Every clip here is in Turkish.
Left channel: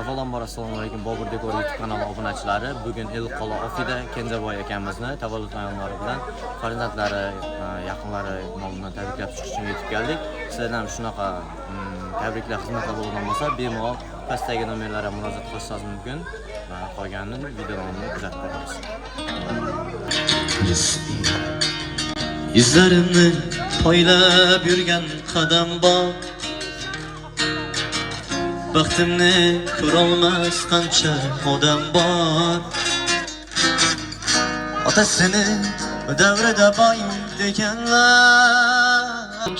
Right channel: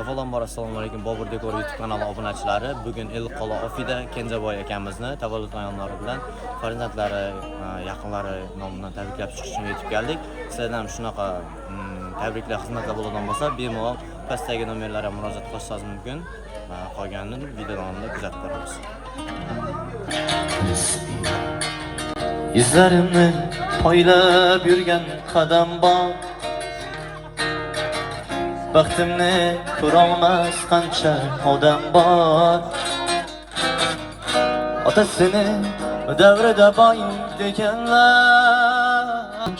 Avvalambor assalomu alaykum Bobur Dekor YouTube kanali obunachilari. Bugun Elqo'la Ofida Kenjaboy akamizni tavallud ayonlari bilan farzandlari, yaqinlari nomidan tabriklab chiqish uchun yetib keldik. Sizlardan shunaqa tabriklar xizmatlar bo'ladigan bo'lsa, bemalol pastdagi nomerlarga murojaat qilishingiz mumkin. Qolganini video davomida kuzatib boramiz. Yüzlerimni poylab yurgan qadam bor. Baxtimni ko'rolmas qancha odam bor. Otasini davrida boy deganlar,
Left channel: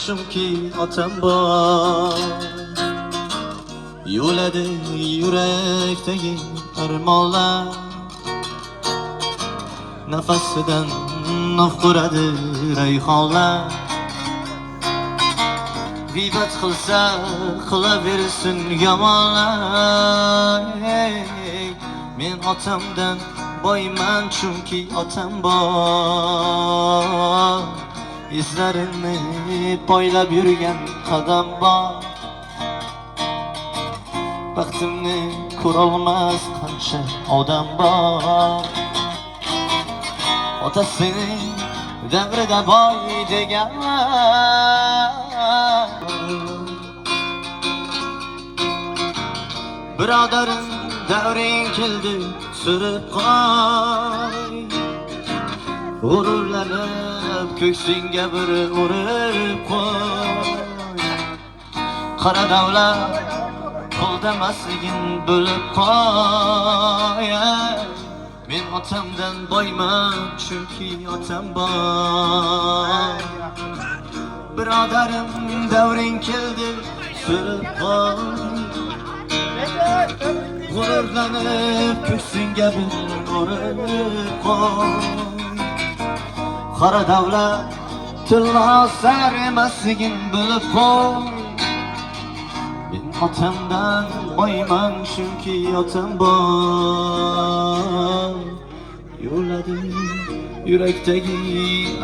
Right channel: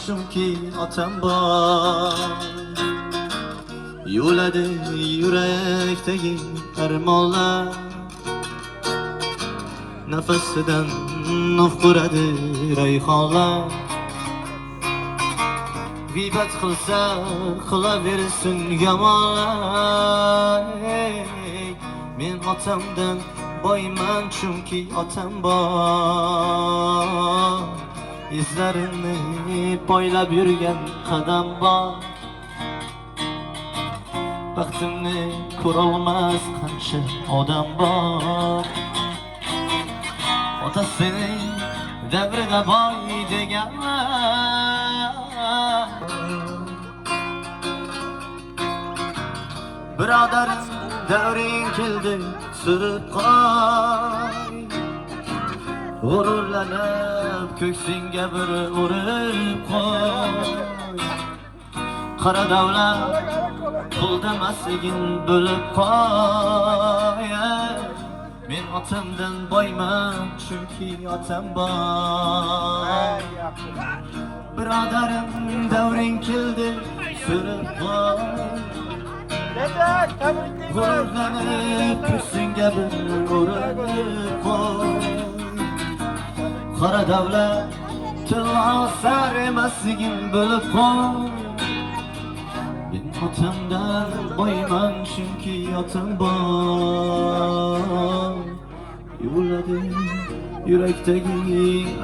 chunki otam bor. Yo'ladi yurakdagi armonlar, nafasidan nafquradi rayhonlar. G'iybat qilsa qilaversin yomonlar. Men otamdan boyman, chunki otam bor. Izlarimni poylab yurgan qadam bor. Baxtimni ko'rolmas qancha odam bor. Otasini davrida boy deganlar, birodarim davring keldi surib qo'y. G'ururlanib ko'ksingga bir urib qo'y. Qara davlat qo'ldamasligin bo'lib qo'y. Men otamdan boyman, chunki otam bor. Birodarim davring keldi surib qo'y. G'ururlanib ko'ksingga bir urib qo'y. Qara davlat tilnosar emasligin bilib qo'y. Men otamdan boyman, chunki otam bor. Yo'ladi yurakdagi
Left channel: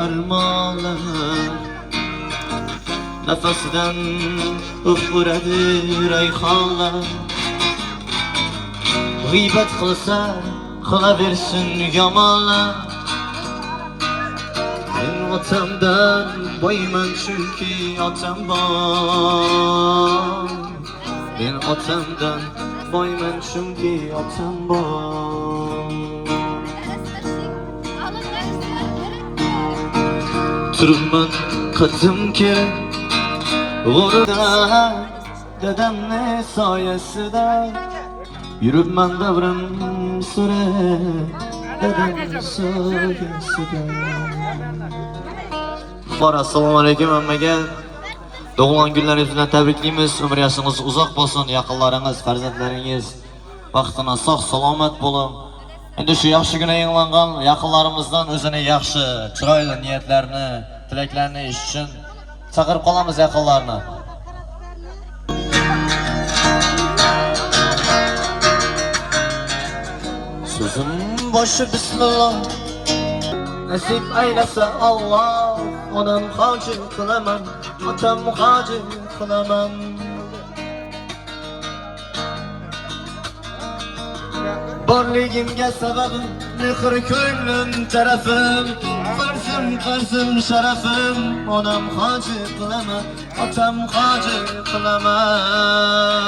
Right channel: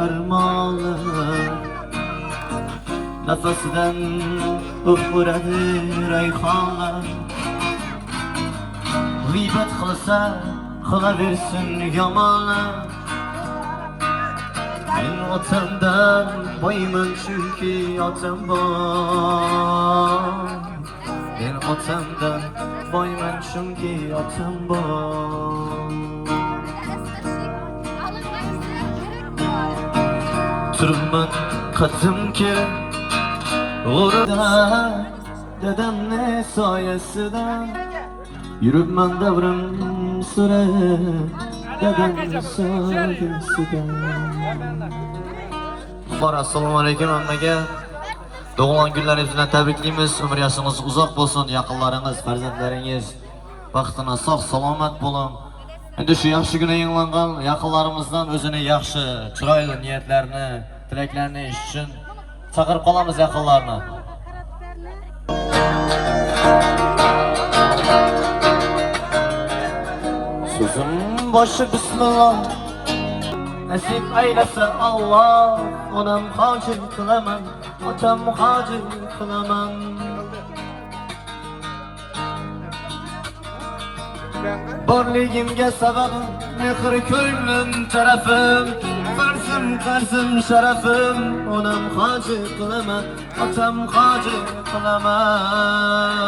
armonlar, nafasidan uradi rayhonlar. G'iybat qilsa qilaversin yomonlar. Men otamdan boyman, chunki otam bor. Men otamdan boyman, chunki otam bor. Turibman qadimki g'ururda, dadamni soyasida. Yuribman davrim surib, dadamni soyasida. Assalomu alaykum hammaga. Doğulan günleriniz bilan tabriklaymiz. Umr yoshingiz uzoq bo'lsin. Yaqinlaringiz, farzandlaringiz baxtına sog' salomat bo'lin. Endi shu yaxshi kunda yanglangan yaqinlarimizdan o'zini yaxshi, chiroyli niyatlarini, tilaklarini eshitish uchun chaqirib qolamiz yaqinlarni. Sözüm başı bismillah, nasip aylasa Allah. Onam hacı kılaman, otam hacı kılaman. Borligimga sababim mehr ko'nglim tarafim. Farzim sharafim, onam hacı kılaman, otam hacı kılaman.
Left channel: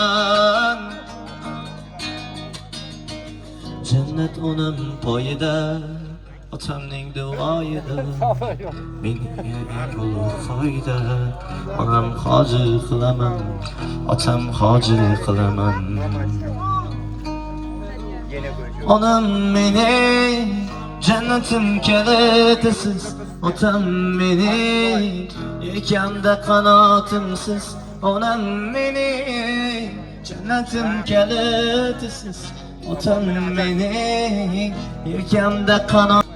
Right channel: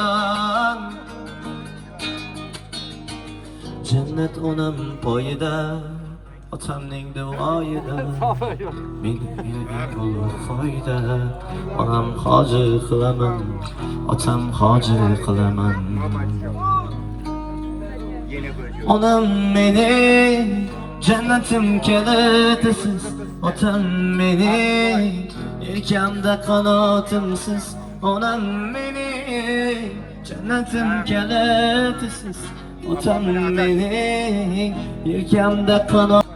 Cennet onam poyida, otamning duoyida. Menga bo'lur foyda, onam hoji qilaman, otam hoji qilaman. Onam meni jannatim kalitisiz, otam meni yelkamda qanotimsiz. Onam meni jannatim kalitisiz, otam meni yelkamda qanot.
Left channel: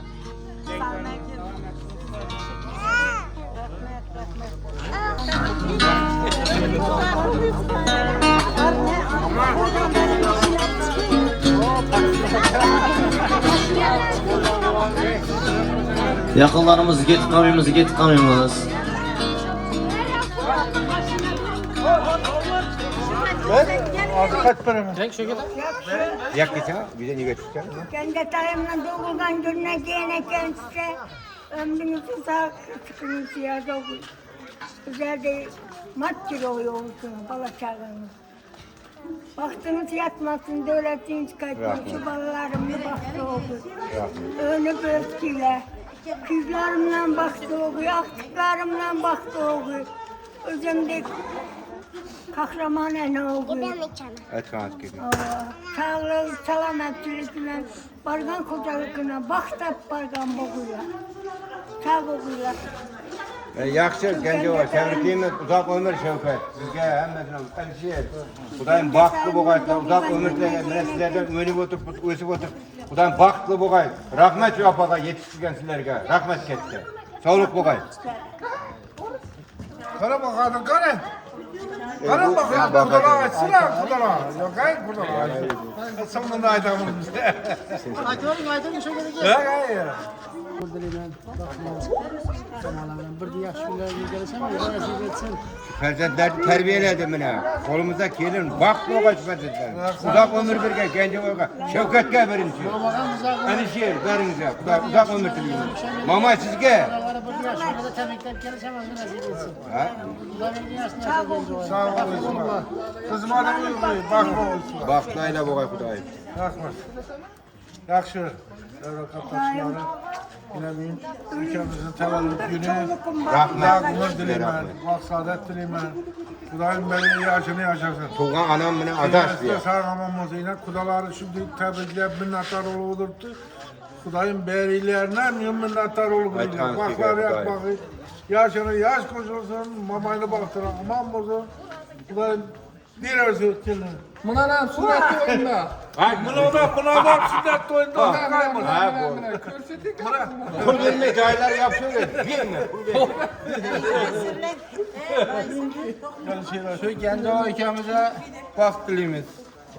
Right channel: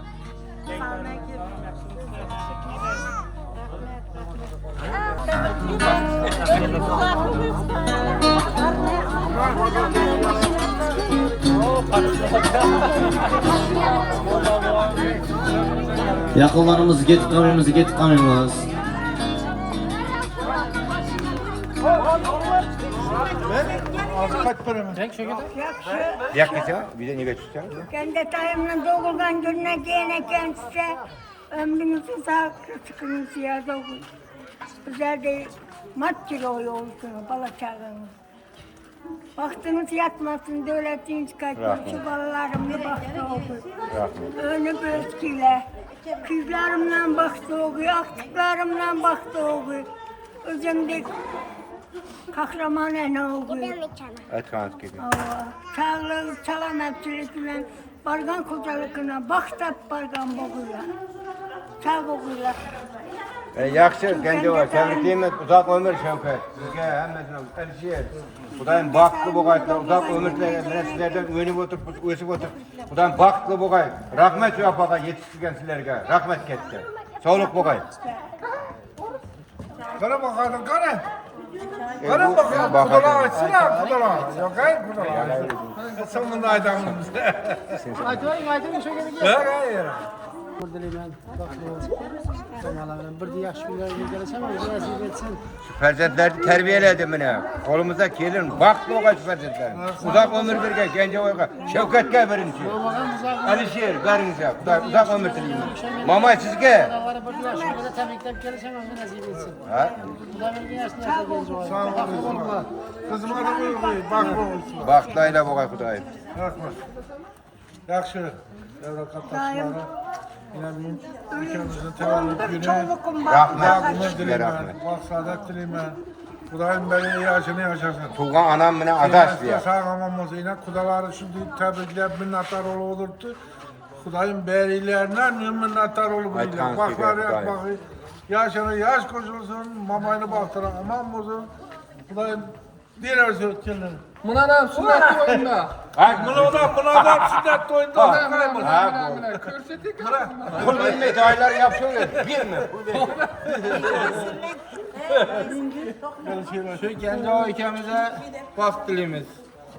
Yaqinlarimiz ketib qolmaymiz. Kaç paramız? Yaxshi. Yaklaşık bize ne götürecek? Kendi tarafından doğulgan gününe gene kendisi ömrünüzü uzak sıkıntısı ya doğul. Güzel de matçı olsun bala çağınız. Baktınız yatmasın devletiniz kaçıyor. Şu balalarımla baktı oğul. Önü bözgüyle. Kızlarımla baktı oğul. Aktıklarımla baktı oğul. Özümde kahraman ene oğul. Etkanat gibi. Sağlık, selametçilikle bargan kocalıkına baktap bargan boğuyla. Sağ boğuyla. Yaxşı, gence var. Tebrikliyimiz uzak ömür Şevket. Sizge hemmesine elçiyer. Kudayım baktı bu gayetler, uzak ömürle mene sizlerden öğünüp oturup, ösüp oturup. Kudayım baktı bu gayet. Rahmet şu apaga yetiştirgen sizlerge. Rahmet ketti. Sağlık bu gayet. Kara bakalım kara. Kara bakalım kudala açsana kudala. Yok hayır kudala açsın. Sonunda aydamız bizde. Aytın işe gerek Yok hayır. Dilemen, rahmat. Bir de yaxshi kunlarga kelsam, nasib etsin. Şu perzentleri terbiyeledim mene. Kolumuza gelin. Baktı bu gayet perzentler. Uzak ömür birge, gence oyga. Şevket'e verin diyor. Alişir verinize. Uzak ömür dileyim. Mama sizge. Oralara bir de yaxshi kunlarda tabriklab kelsam, nasib etsin. Ha? Xudoning dunyosida genç oy. Sağ olun. Kızım adam öldü. Bakma olsun. Baktayla bu gayet kudayım. Rahmet. Yaxşı. Devre kapatçıları. Yine bir ülkemizin tevellüt günü. Rahmet. Ömür dileymen. Bak saadet dileymen. Kudayım beni yaşını yaşasın. Tuğan anam mene adaş Üniversite diyor. sağlamamız yine kudaları şimdi tebrikleyip minnettar olurdu. Kudayım berilerine minnettar olur Aytan bile. Baklar Fikret, yak bakı. Yaşını yaş koşulsun, mamayını baktıran aman bozun. Kudayım bir özü kendini. Buna nam sünnet oyunda. Buna da sünnet oyunda. Mana ko'rsating. Pul verme dayılar yapsın. Verme. Şu Genco ikimize bak dilimiz.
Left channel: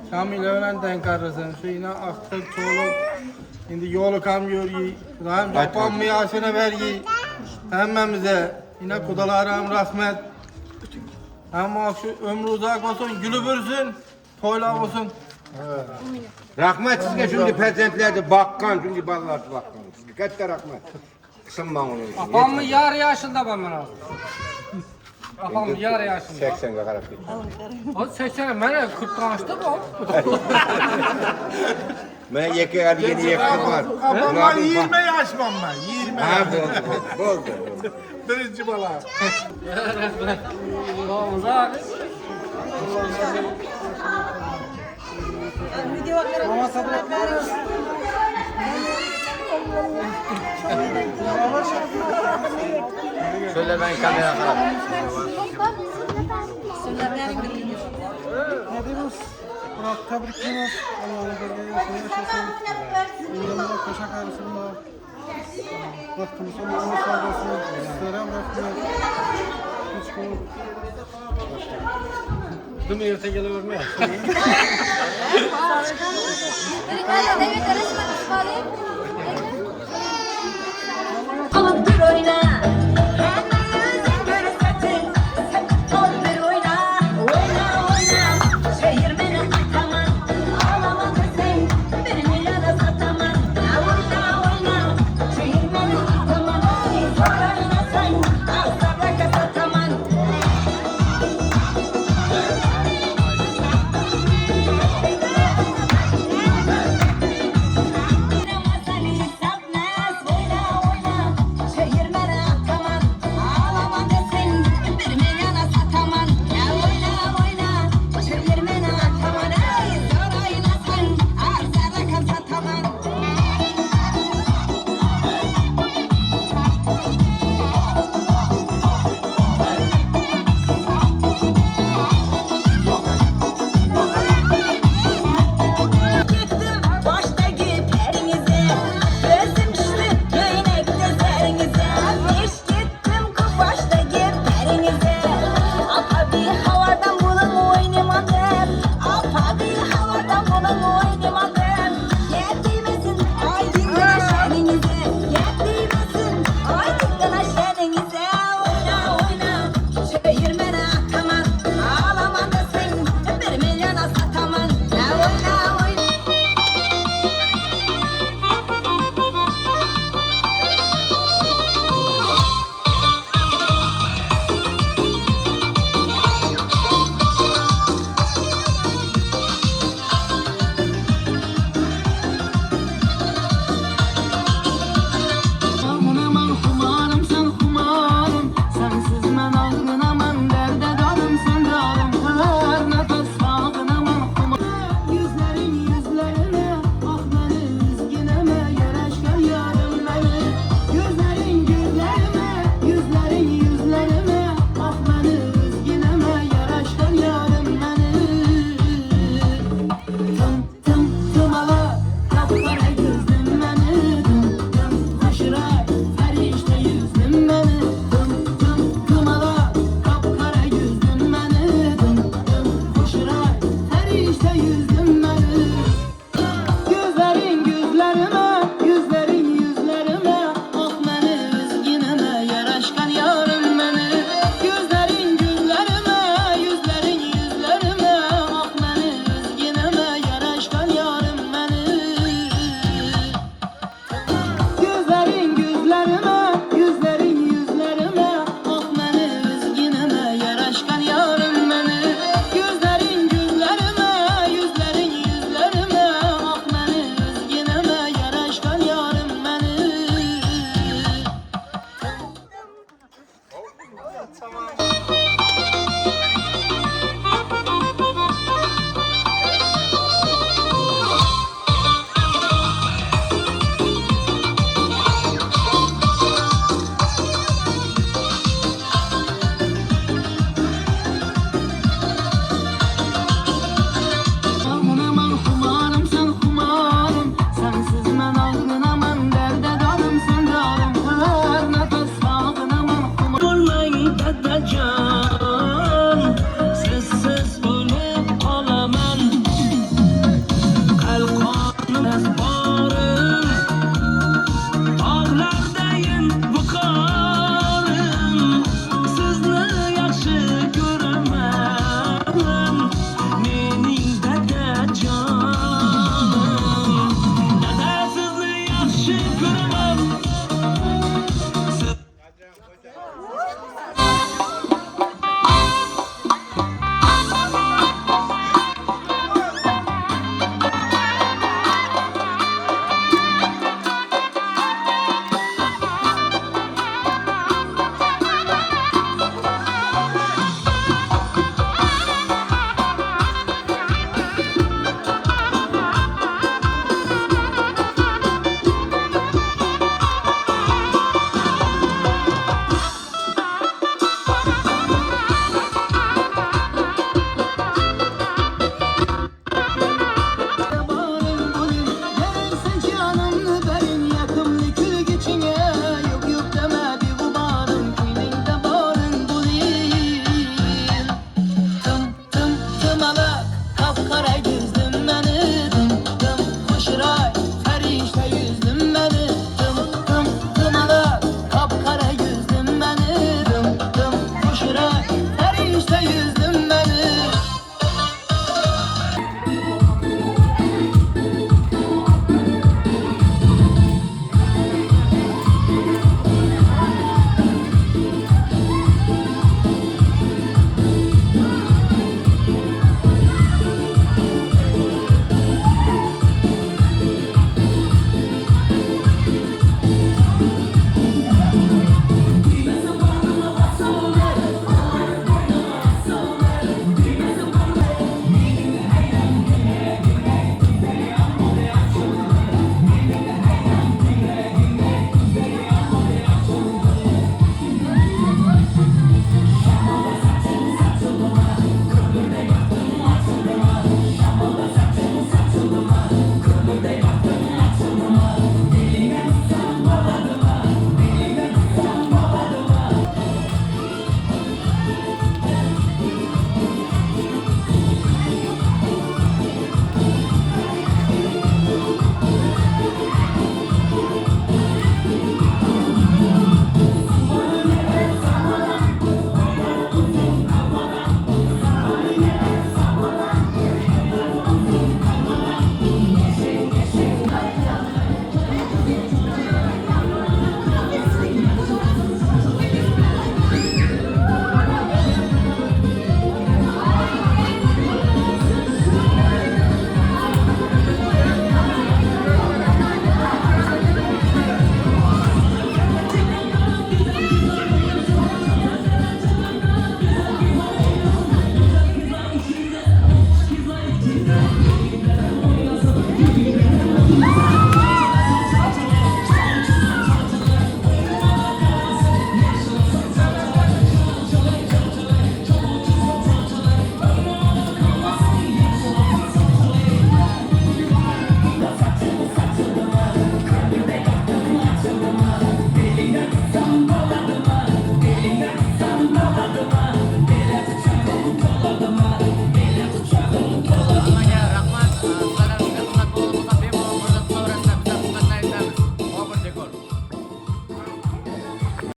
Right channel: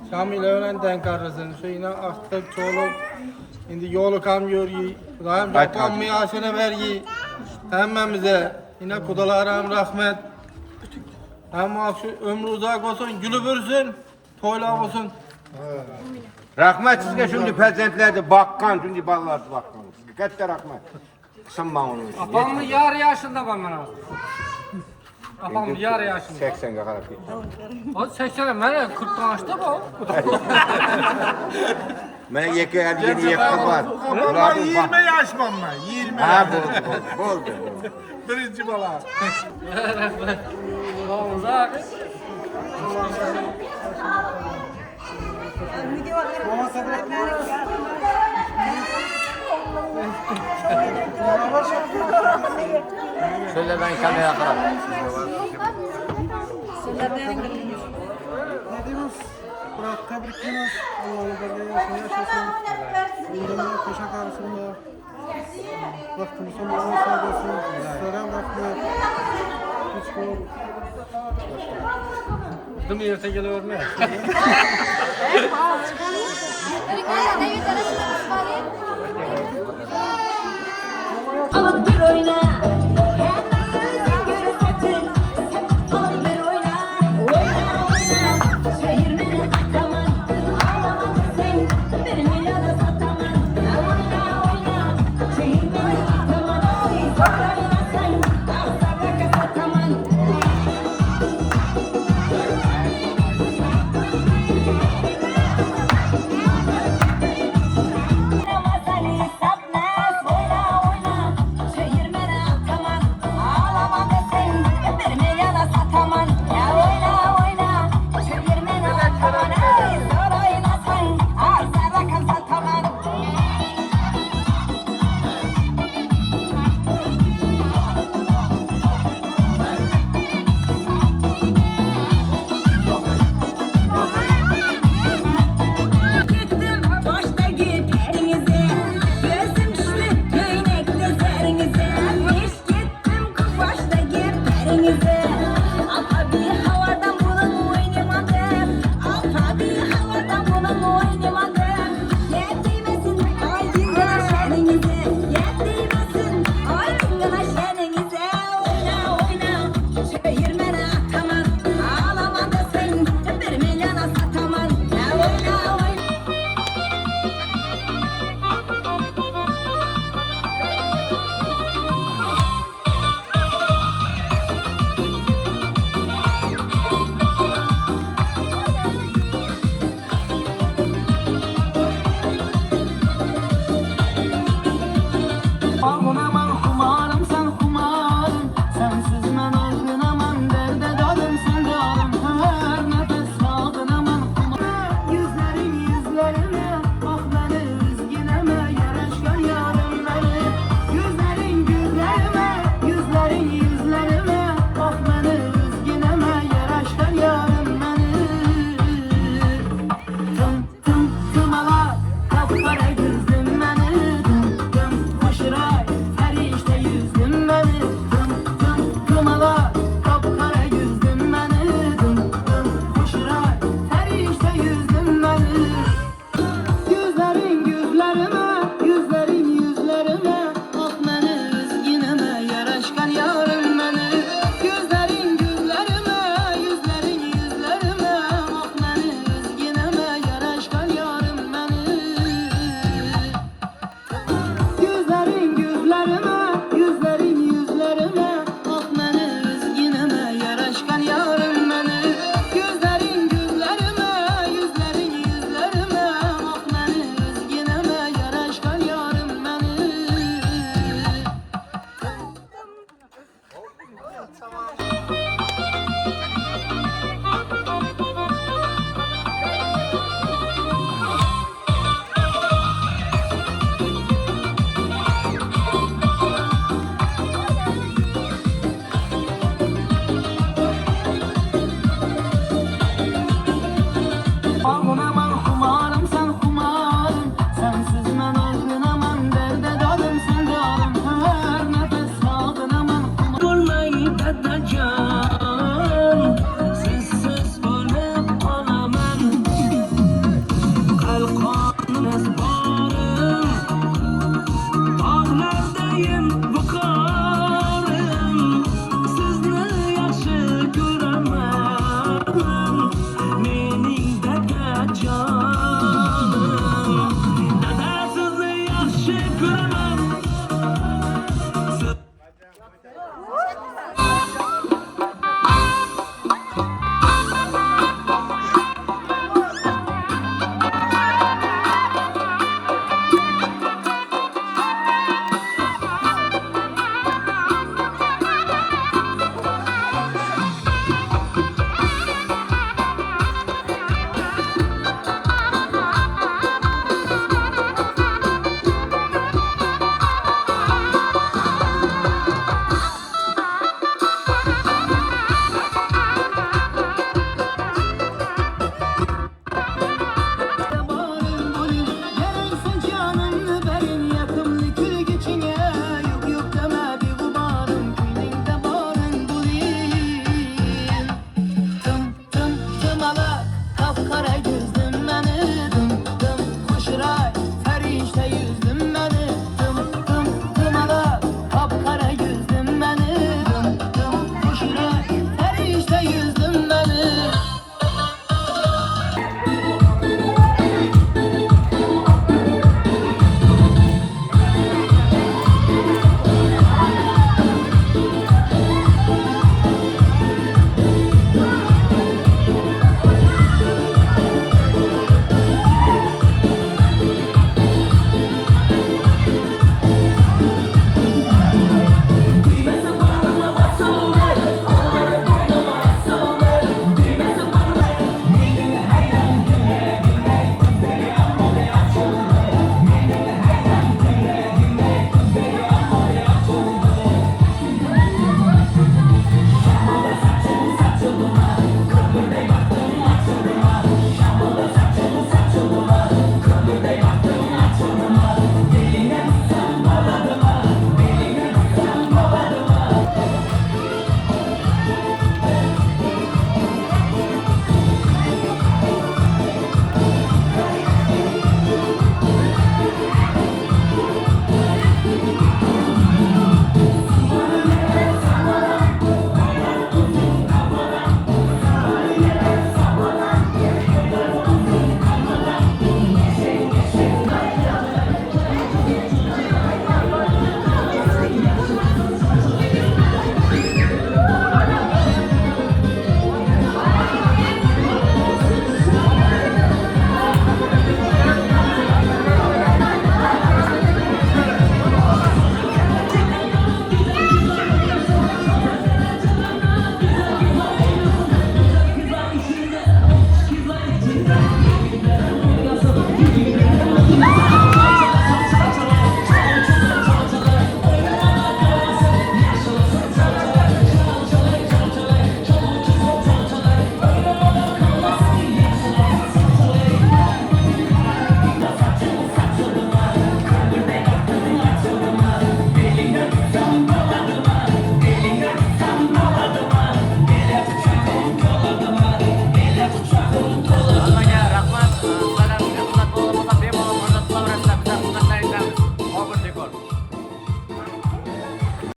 Şamil bilen denk arasın. Şu yine aktık çoluk. Şimdi yolu kam yürüyü. Rahim yapan mı yaşını vergi. Hemmemize. Yine kudalarım rahmet. Ama şu ömrü uzak olsun, gülü bürsün, toyla olsun. Rahmet sizge şimdi perzentlerdi bakkan, şimdi ballar bakkan. Katta rahmet. Kısım onu. Apam mı yar yaşında bana? Apam mı yar yaşında? 80 kadar. O 80 bana 40 yaşta bu. Mene yeke geldi yeke var. Ama 20 yaş bana, 20 Ha yaş. oldu. Birinci bala. Olmaz abi. Şöyle ben kameraya Ne diyoruz? Bırak tebrikliyoruz. Allah'ın berge yaşını yaşasın. İnanına koşak arasında. Vaktimiz sonuna sağ olsun. Sizlere rahmet. Hiç konu. Değil mi yurta geliverme? David, karışma.